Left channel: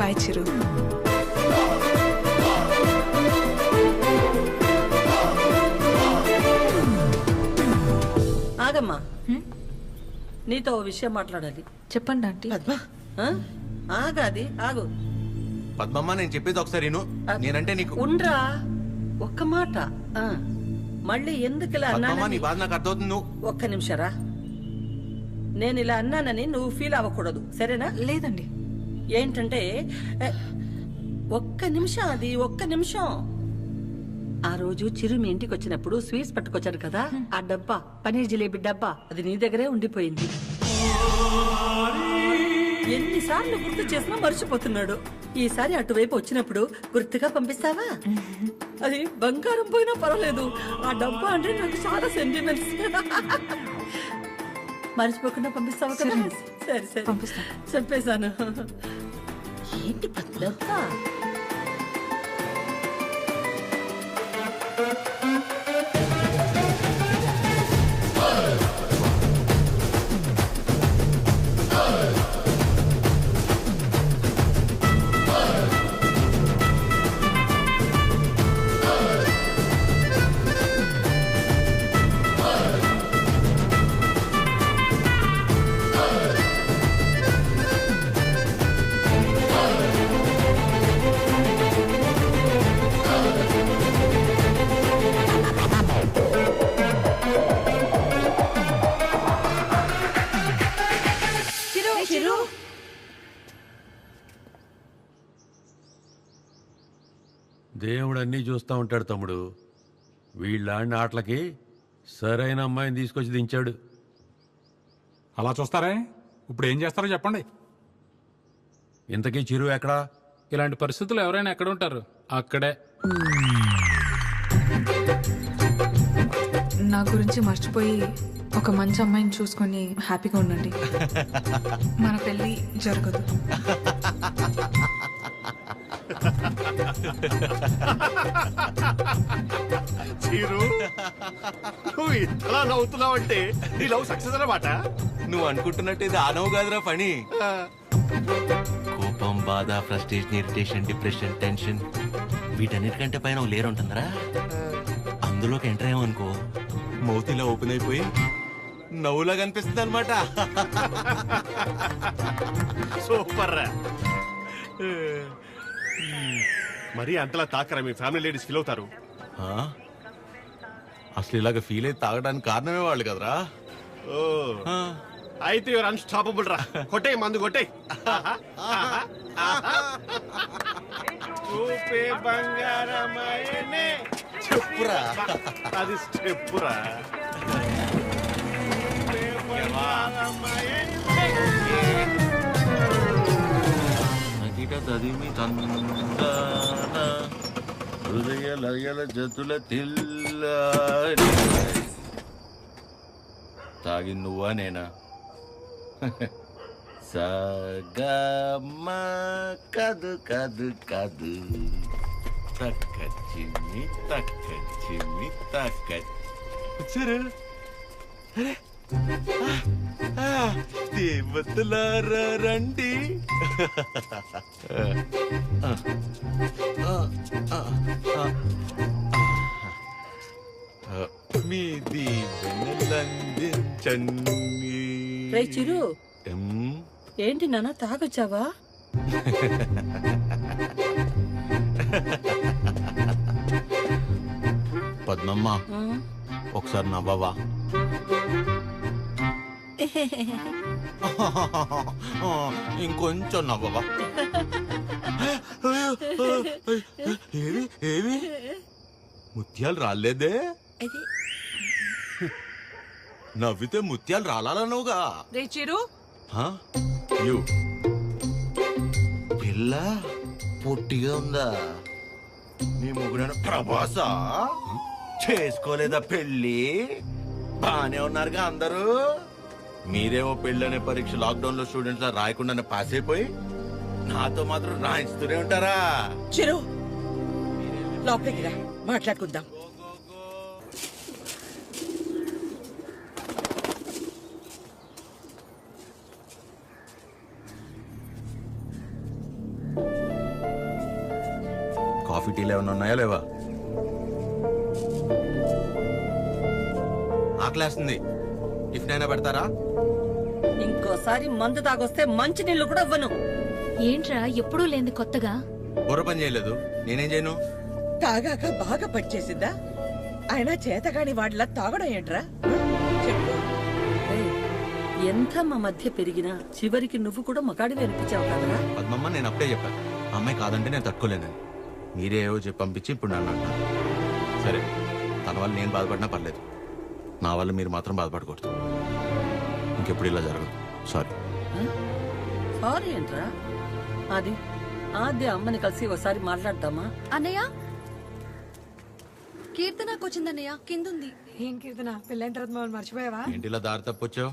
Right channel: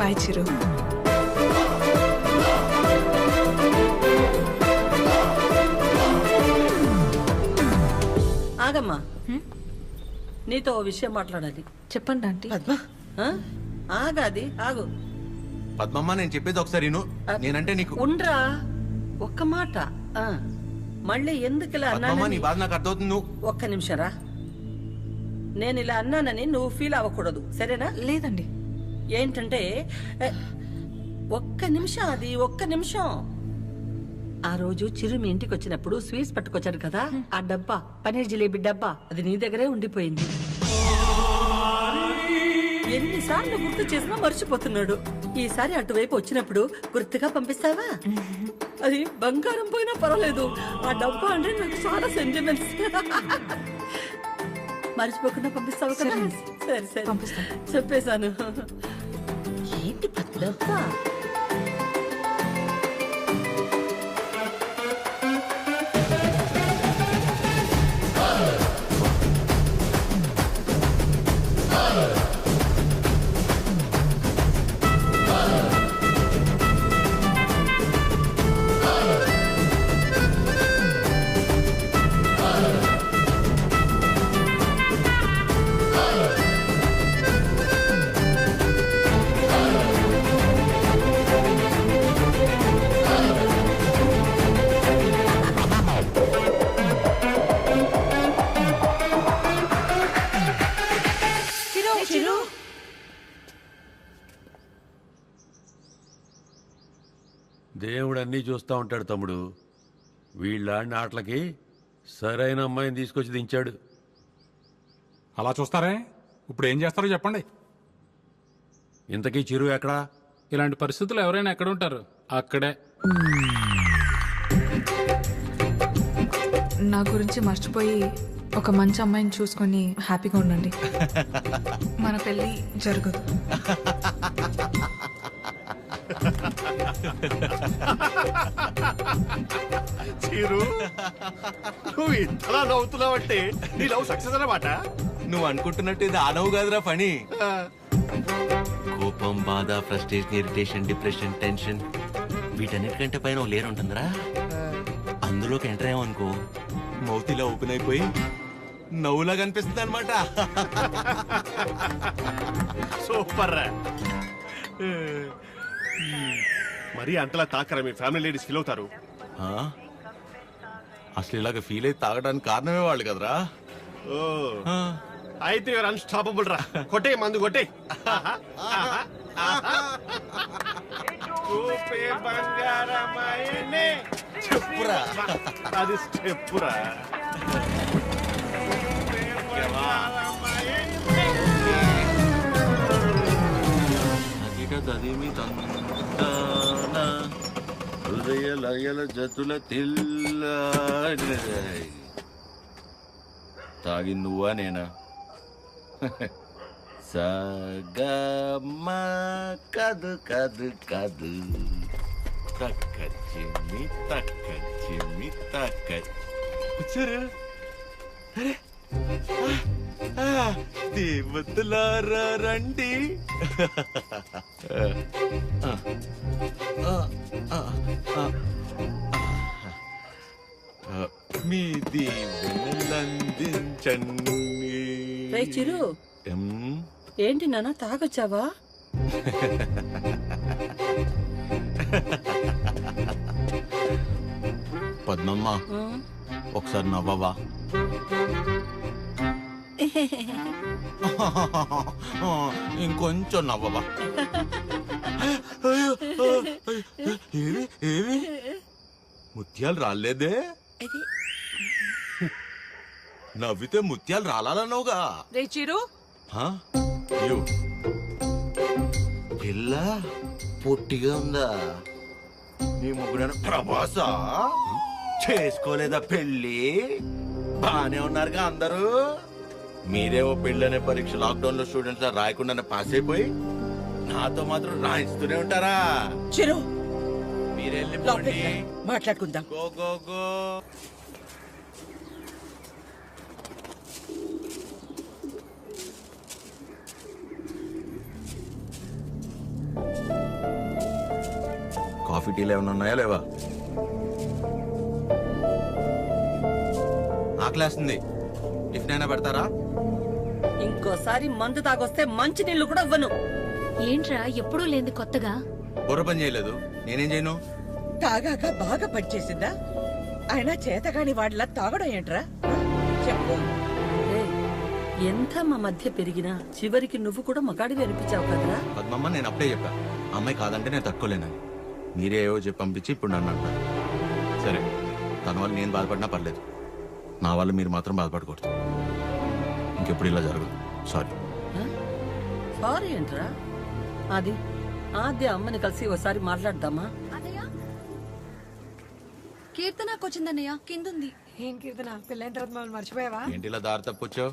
Bye చిరు. ఆగమ్మా, నీతో ఓ విషయం మాట్లాడాలి. చెప్పండి ఆంటీ. పద్మ, ఆగాది ఆగు. పద్మమ్మ, నేను చెప్పేది ఒకసారి నేనంటే నీకు ఉండ్రా, ఒక్క మాట. మళ్ళీ ఎందుకు ఇలా పద్మమ్మ, నీ అన్నానని బాధ నాకు అర్థమవుతుంది. ఒక్క నిమిషం రా. నేను ఇలా అన్నానని నువ్వు ఫీల్ అవ్వకూడదు, సరేనా? లేదండి. ఏంటంటే ఒక్క నిమిషం, అది ఒక్క నిమిషం. ఆ రోజు చిరు మీ ఇంటికి వచ్చినప్పుడు స్వీట్స్ పట్టుకొచ్చాడు కదా, ఆ డబ్బా, పనీర్ జిలేబీ డబ్బా, అది నీ దగ్గరే ఉండిపోయింది. ఎన్నిసార్లు గుర్తు చేసినా మర్చిపోతున్నాడు. ఈసారి అటువైపు వచ్చినప్పుడు గుర్తుగా పంపిస్తావా? అది బంగారం పోయినా పర్వాలేదు, ఆ డబ్బా అంటే నాకు చాలా సెంటిమెంట్స్. మర్చిపోకుండా పంపిస్తావా కదా? సరే సరే పంపిస్తా. చెప్పేశాను. ఏంటి డబ్బా? దేవుడు అన్నీ చూస్తూ ఉంటాడు తమ్ముడు. వీళ్ళాడిన ఆటలకి సరైన అమ్మాయిని తీసుకొచ్చి దించాడు. అలా చూస్తారే, ఇప్పుడు ఏం చేస్తారో చెప్పండి. ఇంతకీ చిరు ఎక్కడా? ఇలాంటి పరిస్థితులు ఎవరైనా ఎక్కడ ఉంటారు? అక్కడే. నా గురించి మర్చిపోయి ఒక మంచి అమ్మాయిని చూసుకొని హ్యాపీగా ఉండండి. మన పెళ్ళి జరగదు. చీరు, నువ్వు ఇంతలా నవ్వుతున్నావంటే నీ లవ్ సక్సెస్ అన్నమాట. నువ్వు అనుకుంటున్నట్టు ఇది ఆనవు కాదురా పని. కోపం, బాధ, ఫ్రస్ట్రేషన్, ఇరిటేషన్, డిప్రెషన్, టెన్షన్, వీటన్నిటికంటే పైన లేరు ఉంటుందిరా. అందులోకి ఎంటర్ అయ్యామనుకో, మౌత్ ఇలా ఓపెన్ అయిపోయి నవ్వులా కనిపిస్తుంది అనమాట. సూపర్ రా. మరి అంతలా తాకరా, మీ ఫ్యామిలీ లేడీస్ ఫీల్ అవుతారు. అసలు ఇలాగ ఫీల్ అయితే తాగడానికి కారణమే వాళ్ళు కదరా. ఓ, అయితే యువర్ అన్స్టాపబుల్ రా. కొట్టే మందు కొట్టే. చూపే బంగారమాయనే. చెప్పురా, అది స్టెప్పురా. తదిమి తందాన హృదయ లయల జతుల తిల్ల. తాగి నువ్వా నేనా? సగమ కదు కదు కదు తక్క చిమ్మి తక్క చిమ్మి తక్క. వచ్చారు దేవతలారా రండి. మీ దీవెనలందించండి. రే చిరు, ఏంటి నాన్న తాగొచ్చావా? పద్మమ్మ, ఒకసారి నవ్వవా? ఇంకొంచెం నవ్వవా? ఏవి ఏవి ముత్యాలు రాలేదే? నవ్వితే ముత్యాలు రాలన్నావుగా. రే చిరు, పిల్ల పొట్టిగా ఉందా? నీ ముగ్గురు ప్రభాస చేసుకోలేదా పెళ్ళి? బానే ఉన్నారుగా అందరూ. మీరేమో పెళ్ళనే పరీక్ష లాక్డౌన్ లో స్టూడెంట్స్ లా రాయకుండానే పాస్ అయిపోయి నాతో మాత్రం రాయిస్తూనే ఉంటారా? చిరు, మీరెళ్ళి మాట్లాడుకుందాం. Go go go. కాఫీ టీలు ఏమైనా ఉన్నాయా లేవా? ఆకలేస్తుంది, టిఫిన్ అయినా పెడతారా? ఇంకోసారి మందు తాగొస్తే మంచి నీళ్లు కూడా ఇవ్వను. ఏంట్రా ఎప్పుడూ లేంది కొత్తగా? బుర్ర పని చేయలేదు, నేనేం చేయను? తాగాక బాగా పనిచేసిందా? ఆయన చేతగాని వాడిలా తాగడం ఏంట్రా? ఆ? చెప్పు. రేయ్, ఎంత మా మధ్య పెరిగినా చివరికి నువ్వు కూడా మగాడివి అనిపించావు కదరా. పద్మమ్మ, నేను అప్పుడే చెప్పా ఆ అమ్మాయి కాదంటే నేను తట్టుకోలేనని. మీరే ఏవో చెప్పి పంపించి ఇప్పుడు నన్ను అంటున్నారు. సరే, తన వల్ల నేను బాధపడినా పర్లేదు, నా వల్ల మీరు మాత్రం బాధపడకూడదు. ఇంకెప్పుడు ఇలా జరగదు. సారీ. సారీ ఏంట్రా? అది ఆద్య అమ్మని కలిసి ఒకసారి మాట్లాడదామా? అన్నయ్య, కీర్తనకు వచ్చిందన్నయ్య, కిందుంది. ఏం కీర్తన, పెళ్ళైన తర్వాత మమ్మల్ని మర్చిపోయావా? ఏంటి ఇలా దారి తప్పొచ్చావు?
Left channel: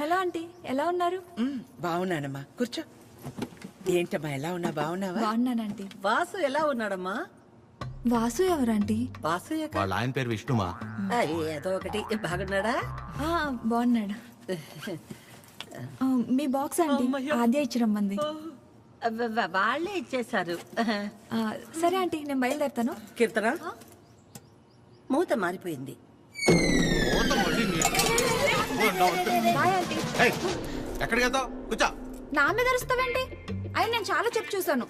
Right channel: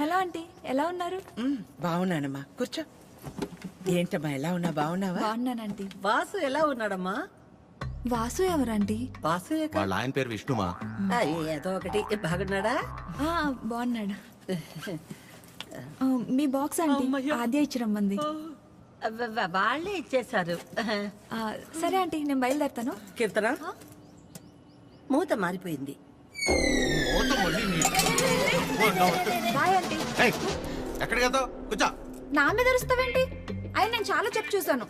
హలో ఆంటీ, ఎలా ఉన్నారు? బాగున్నానమ్మా, కూర్చో. ఏంటమ్మా, ఎలా ఉన్నా? బాగున్నావా? బాగున్నానంటీ. వాసు ఎలా ఉన్నాడమ్మా? వాసు ఎవరంటీ? వాసు వాళ్ళ ఆయన పేరు విష్ణుమా. ఏదో ఒకటి. బాగున్నాడా? బాగున్నాడు. మీ బాక్స్ ఆంటీ ఆద్య ఇచ్చి రమ్మంది. వాళ్ళే ఇచ్చేశారు. సరే ఆంటీ, నేను బయలుదేరుతాను. కీర్తన, మూత మారిపోయింది. Bye aunty. ఎక్కడికి వెళ్తావు? కూర్చో. నా మీద అరుస్తావేంటి? అయినా నేను చాలా చెప్పు చూసాను.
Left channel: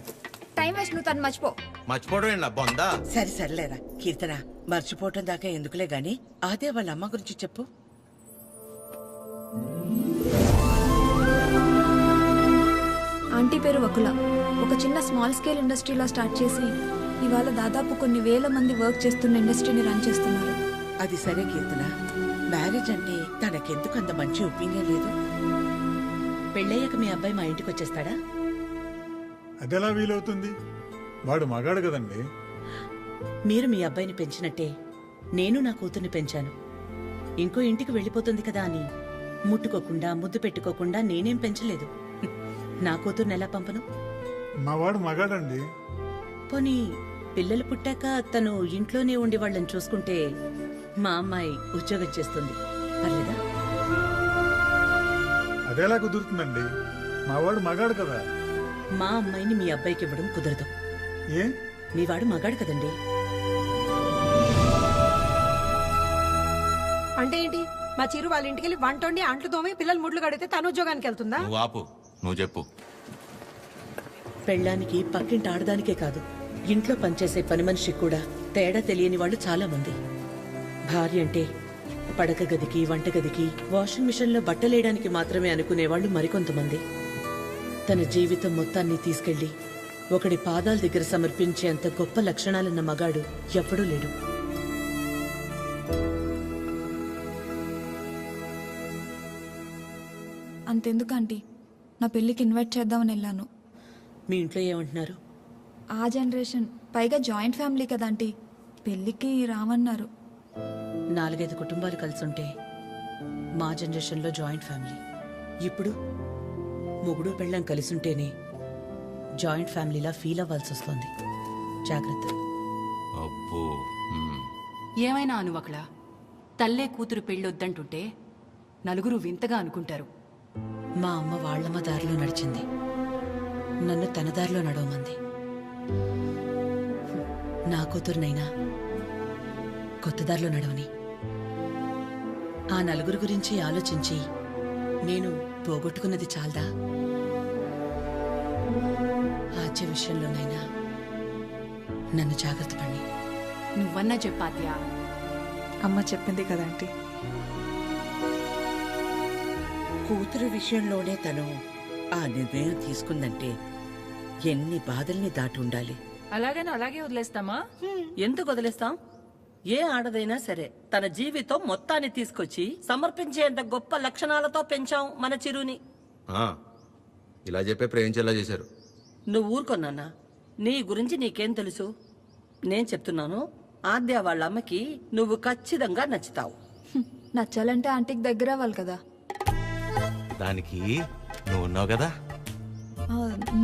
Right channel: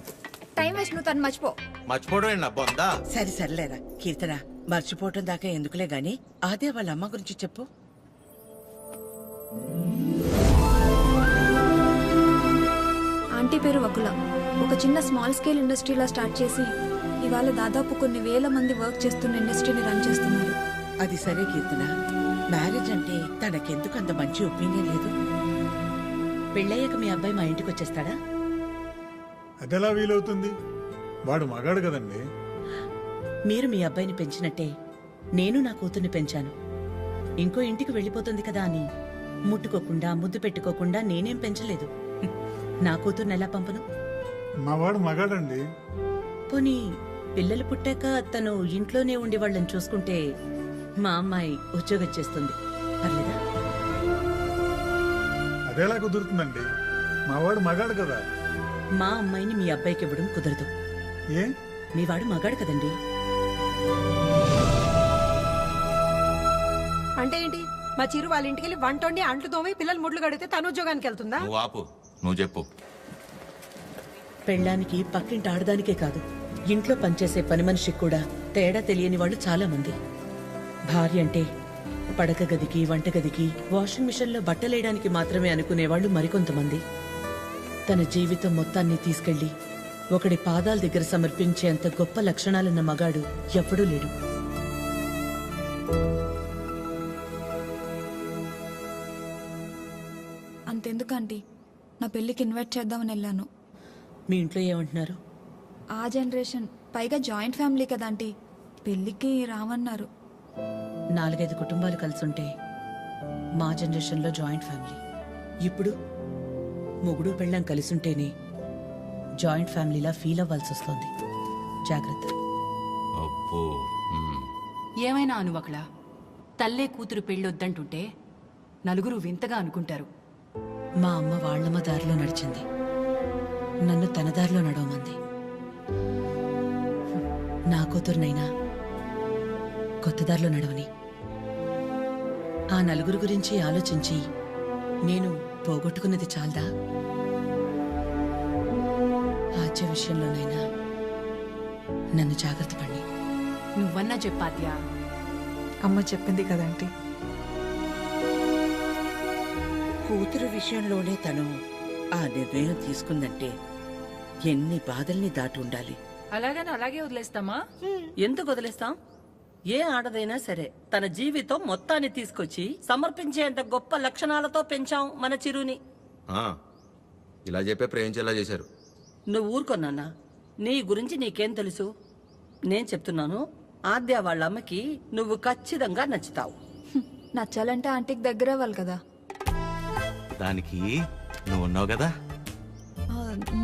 టైం వేస్ట్, నువ్వు తను మర్చిపో. మర్చిపోవడం ఏంటి బొందా? సరే సర్లేరా కీర్తన, మర్చిపోవటం దాకా ఎందుకులే గాని అదే వాళ్ళ అమ్మ గురించి చెప్పు. ఆంటీ పేరు వకుల. ఒక చిన్న స్మాల్ స్కేల్ ఇండస్ట్రీలా స్టార్ట్ చేసి ఇవాళ దాదాపు కొన్ని వేల మంది వర్క్ చేస్తున్న ఇండస్ట్రీని రన్ చేస్తున్నారు. అది సరే కీర్తన, మ్యారేజ్ అంటే తనకెందుకు అంత మంచి ఒపీనియన్ లేదు? పెళ్ళయ్యాక మీ అబ్బాయి మా ఇంటికి వచ్చేస్తాడా? అదెలా వీలవుతుంది? వాడు మగాడు కదండి. మీరు మీ అబ్బాయిని పెంచినట్టే నేను నా కూతుర్ని పెంచాను. ఇంకో ఇంటికి వెళ్ళిపోతుంది కదా అని ముట్టుకోకుండా ముద్దు పెట్టుకోకుండా నేనేం పెంచలేదు. నా కూతుర్ని ఎలా పంపను? మా వాడు మగాడండి. పోనీ పిల్లలు పుట్టాక తను ఇంట్లోనే ఉండి వాళ్ళని చూసుకుంటే మా అమ్మాయి ఉద్యోగం చేస్తుంది, పర్లేదా? అదెలా కుదురుతుందండి? మా వాడు మగాడు కదా. మా అమ్మాయిని మీ అబ్బాయికి ఇవ్వడం కుదరదు. ఏ? మీ వాడు మగాడు కదండి. అంటే ఏంటి? మా చిరు వాళ్ళ ఇంటికి వెళ్ళి వంట వండి అంట్లు తోమి పిల్లలు ముడ్లు కడితే తను ఉద్యోగానికి వెళ్తుందా? నువ్వు ఆపు, నువ్వు చెప్పు. పెళ్ళానికి పక్కింటి ఆడదానికే కాదు, ఇంట్లో పనిచేసే పని మనిషికి కూడా తేడా తెలియని వాళ్ళు చాలా మంది. భార్య అంటే పడక గదికి, వంటగదికి, వాషింగ్ మిషన్లో బట్టలేయడానికి మాత్రమే అనుకునేవాళ్ళు మరికొంతమంది. తన జీవితం మొత్తాన్ని తీసుకెళ్లి ఒకడి పాదాల దగ్గర సమర్పించేంత గొప్ప లక్షణాలున్న మగాడు ఎప్పుడూ లేడు. అంతెందుకు ఆంటీ, నా పెళ్ళికి ఇన్వైట్ చేద్దామని వెళ్ళాను. మీ ఇంట్లో ఏమంటున్నారు? ఆ జనరేషన్, పైగా జాయింట్ ఫ్యామిలీ కదా ఆంటీ, పెళ్ళికి రామన్నారు. 4-5 కుటుంబాలు కలిసుంటే మా జనరేషన్లో జాయింట్ ఫ్యామిలీ. ఇప్పుడు మొగుడు పెళ్ళం కలిసుంటేనే జాయింట్ ఫ్యామిలీలా ఫీల్ అవ్వాల్సి వస్తుంది. జాగ్రత్త. అబ్బో. ఏమైనా అనువకలా తల్లే కూతురు పెళ్ళొద్దంటుంటే నలుగురు వింతగా అనుకుంటారు. మా అమ్మ వాళ్ళమ్మ దారిలో నడిచింది, నన్ను తన దారిలో నడవమంది. నా కూతురునైనా కొత్త దారిలో నడవని. ఆ నలుగురు గురించి ఆలోచించి నేను పోగొట్టుకున్నది చాలదా? ఆచే విషయంలోనైనా నన్ను జాగ్రత్త పడి. నువ్వన్నా చెప్పాద్యా. అమ్మ చెప్పింది కదా ఆంటీ. కూతురు విషయంలోనే తను ఆ నిర్ణయం తీసుకుందంటే ఎన్ని బాధల్ని దాటి ఉండాలి. అలాగని అలాగే వదిలేస్తామా? ఎందుకు వదిలేస్తాం? ఏ ఆడదైనా సరే తన జీవితం మొత్తాన్ని తీసుకొచ్చి సమర్పించేంత గొప్ప లక్షణాలతో పెంచాం మన చిరుని. ఇలా చెప్పే ప్రేమించేలా చేశారు. నువ్వు ఊరుకొన్నానా? నీ గురించి నీకేం తెలుసు? నేను చెప్తున్నాను, ఆద్య వాళ్ళ అమ్మకి నువ్వు ఖచ్చితంగా నచ్చుతావు. నచ్చాలంటే ఆంటీకి దగ్గర అవ్వాలి కదా. దానికి నువ్వు ఉన్నావు కదా.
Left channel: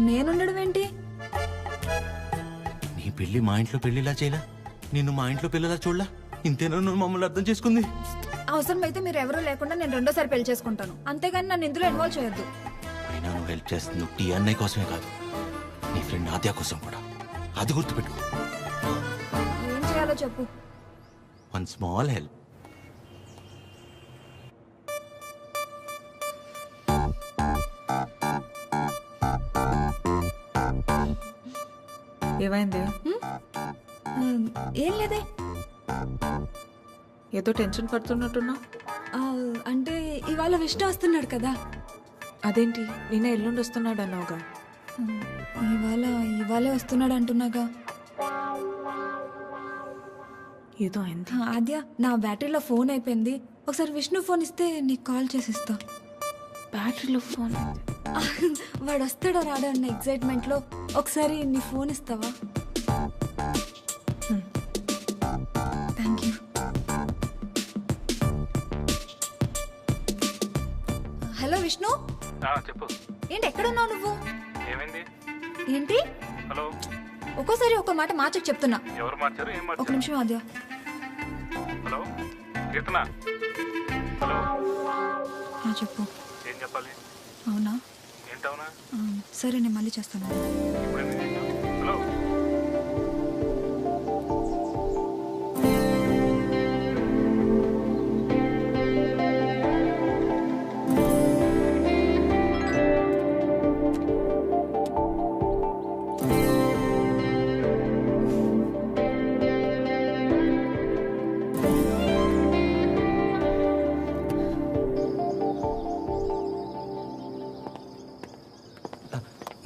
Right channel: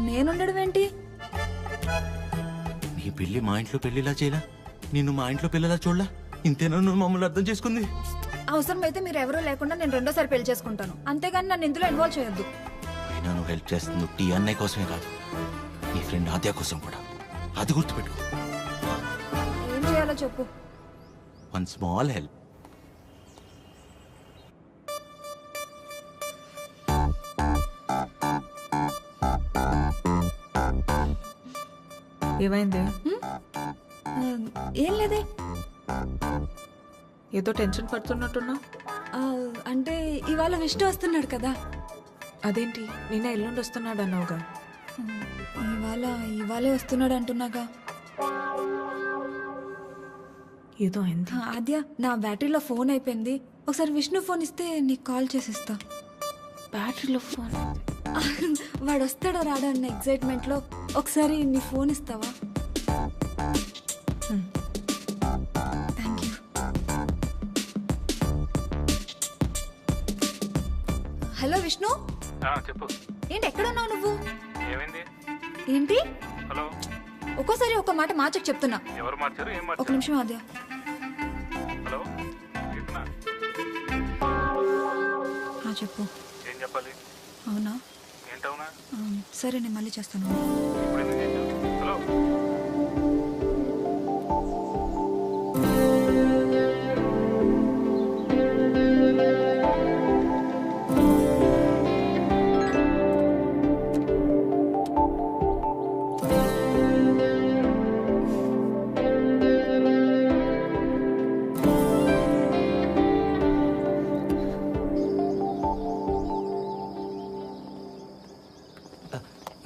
నేనుండడం ఏంటి? నీ పెళ్లి మా ఇంట్లో పెళ్లిలా చేయలా, నిన్ను మా ఇంట్లో పిల్లలా చూడలా. ఇంతేనా నువ్వు మమ్మల్ని అర్థం చేసుకుంది? అవసరమైతే మీరు ఎవరూ లేకుండా నేను రెండోసారి పెళ్లి చేసుకుంటాను, అంతేగాని నన్ను ఇందులో ఇన్వాల్వ్ చేయొద్దు. అయినా నువ్వు హెల్ప్ చేస్తుంది టీ అన్నయ్య కోసమే కాదు, నీ ఫ్రెండ్ ఆద్య కోసం కూడా. అది గుర్తుపెట్టుకో. ఏం చేయాలో చెప్పు. One small help. ఏమైంది? ఆ, ఏం లేదే. ఏదో టెన్షన్ పడుతున్నట్టున్నా. ఆ, అంటే ఇవాళ విష్ణు వస్తున్నాడు కదా. అదేంటి నిన్న ఎల్లుండి వస్తున్నాడు అన్నావుగా? ఇవాళే వస్తున్నాడు అంటున్నాగా. ఏదో అయింది. ఆద్య, నా బ్యాటరీలో ఫోన్ అయిపోయింది. ఒకసారి విష్ణు ఫోన్ ఇస్తే నీకు కాల్ చేసిస్తా. బ్యాటరీలో ఫోన్? వాడు వస్తాడో రాడో అన్న ఎక్సైట్మెంట్లో ఒకసారి నీ ఫోన్ ఇస్తావా? Thank you. హలో విష్ణు. చెప్పు. ఏంటి ఎక్కడున్నావు నువ్వు? ఏమైంది? ఏంటి? హలో. ఒక్కోసారి ఒక మాట మార్చకు చెప్తున్నా. ఎవరు మార్చారు? ఏం ఒక నిమిషం ఆద్య. హలో కీర్తన. చెప్పు. ఏం చెప్పాలి? అవునా? ఏంటవునా? సరే నేను మళ్ళీ చేస్తాను. ఇప్పుడు ఎందుకు చేసావు? హలో.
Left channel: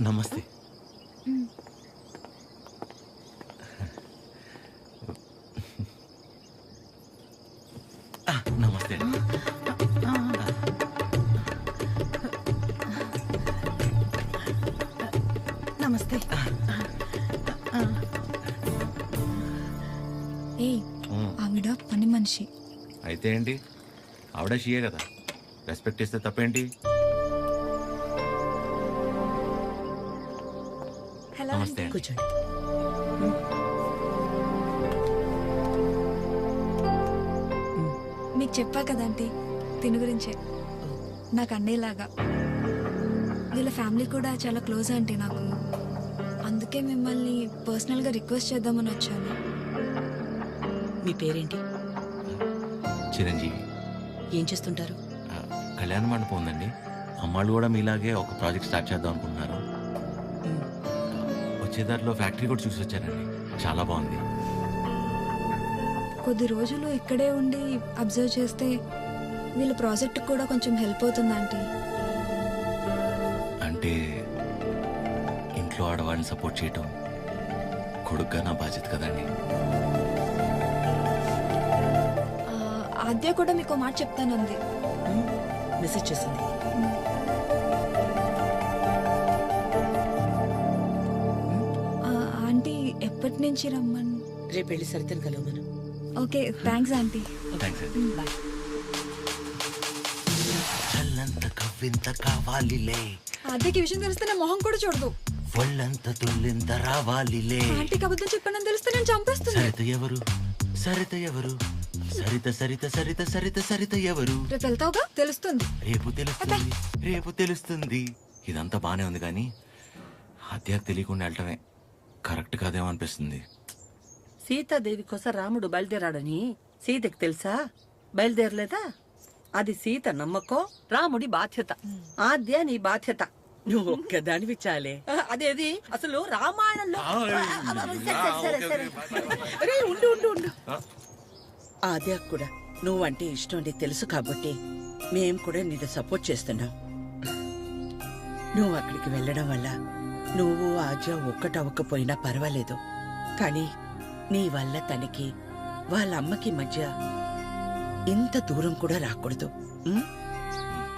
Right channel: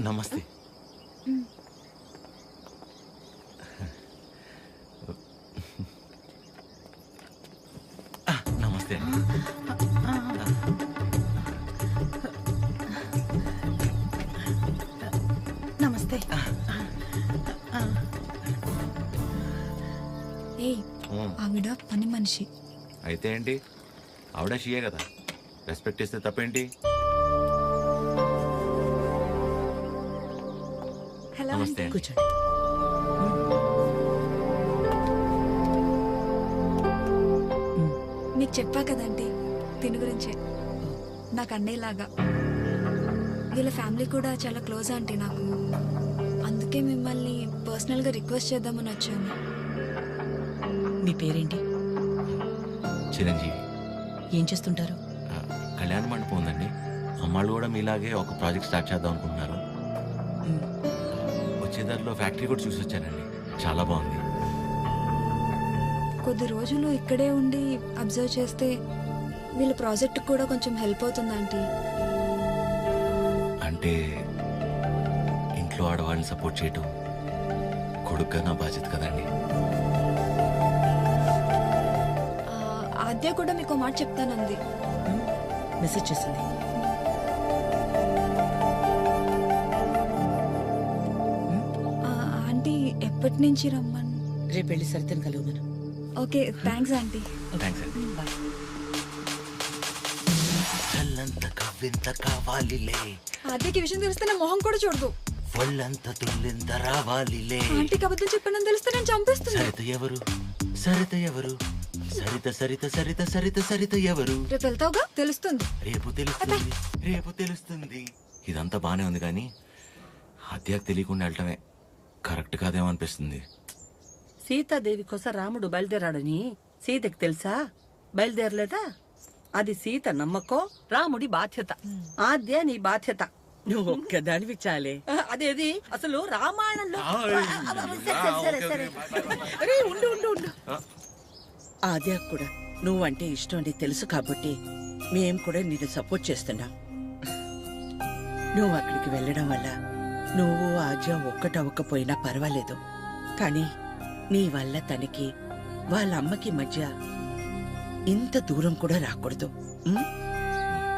నమస్తే. నమస్తే అండి. నమస్తే. ఏయ్, ఆవిడ పని మనిషి. అయితే ఏంటి? ఆవిడ షియే కదా, రెస్పెక్ట్ ఇస్తే తప్పేంటి? హలో. నమస్తే అండి. కూర్చోండి. మీకు చెప్పా కదంటీ తిని గురించే. నాకు అన్నయ్యలాగా. వీళ్ళ ఫ్యామిలీ కూడా చాలా క్లోజ్ ఆంటీ నాకు. అందుకే మిమ్మల్ని పర్సనల్గా రిక్వెస్ట్ చేద్దామని వచ్చాను. మీ పేరేంటి? చిరంజీవి. ఏం చేస్తుంటారు? కళ్యాణ మండపం ఉందండి. అమ్మాళ్ళు కూడా మీలాగే ఒక ప్రాజెక్ట్ స్టార్ట్ చేద్దాం అనుకుంటున్నారు. వచ్చే దారిలో ఫ్యాక్టరీ కూడా చూసి వచ్చారండి. చాలా బాగుంది. కొద్ది రోజులు ఇక్కడే ఉండి అబ్జర్వ్ చేస్తే వీళ్ళ ప్రాజెక్ట్ కూడా కొంచెం హెల్ప్ అవుతుంది ఆంటీ. అంటే ఇంట్లో ఆడవాళ్ళని సపోర్ట్ చేయటం కొడుగ్గా నా బాధ్యత కదండి. ఆద్య కూడా మీకు మాట చెప్తానంది. మెసేజ్ చేసింది. ఆంటీ ఎప్పటి నుంచి రమ్మని? రేపు వెళ్ళి సరితను కలవమను. Okay, thanks aunty. థ్యాంక్స్ అండి. బాయ్. చల్లంత కవ్వింత కావాలిలే, ఆద్యకి విషయం తెలిస్తే నా మొహం కూడా చూడదు. ఒళ్ళంత తుల్లింత రావాలిలే. ఆంటీకి అబద్ధం చెప్పానని తెలిస్తే నేను చంపేస్తుంది. సరిత ఎవరు? సరిత ఎవరు? సరిత సరిత సరిత సరిత సరిత ఎవరు? రేపు వెళ్తావుగా, తెలుస్తుంది. రేపు తెలుస్తుంది, రేపు తెలుస్తుంది. ఇదంతా బానే ఉంది కానీ హత్యకు తెలియకుండా వెళ్ళటమే కరెక్ట్ కాదేమో అనిపిస్తుంది. సీతాదేవి కోసం రాముడు బయలుదేరాడని సీతకి తెలుసా? బయలుదేరలేదా? అది సీత నమ్మకం, రాముడి బాధ్యత. ఆద్య నీ బాధ్యత. నువ్వు ఒక్కదానివి చాలే. అదేది అసలు రామాయణంలో. సరే, సరే, సరే. అరే ఉండు ఉండు ఉండు. ఆద్య కూడా నువ్వంటే ఇష్టం అని తెలుసు కాబట్టి మేం కూడా నిన్ను సపోర్ట్ చేస్తున్నాం. నువ్వు అక్కడికి వెళ్ళడం వల్ల నువ్వు ఆద్య ఒక్కటవ్వకపోయినా పర్వాలేదు, కానీ నీ వల్ల తనకి వాళ్ళ అమ్మకి మధ్య ఇంత దూరం కూడా రాకూడదు.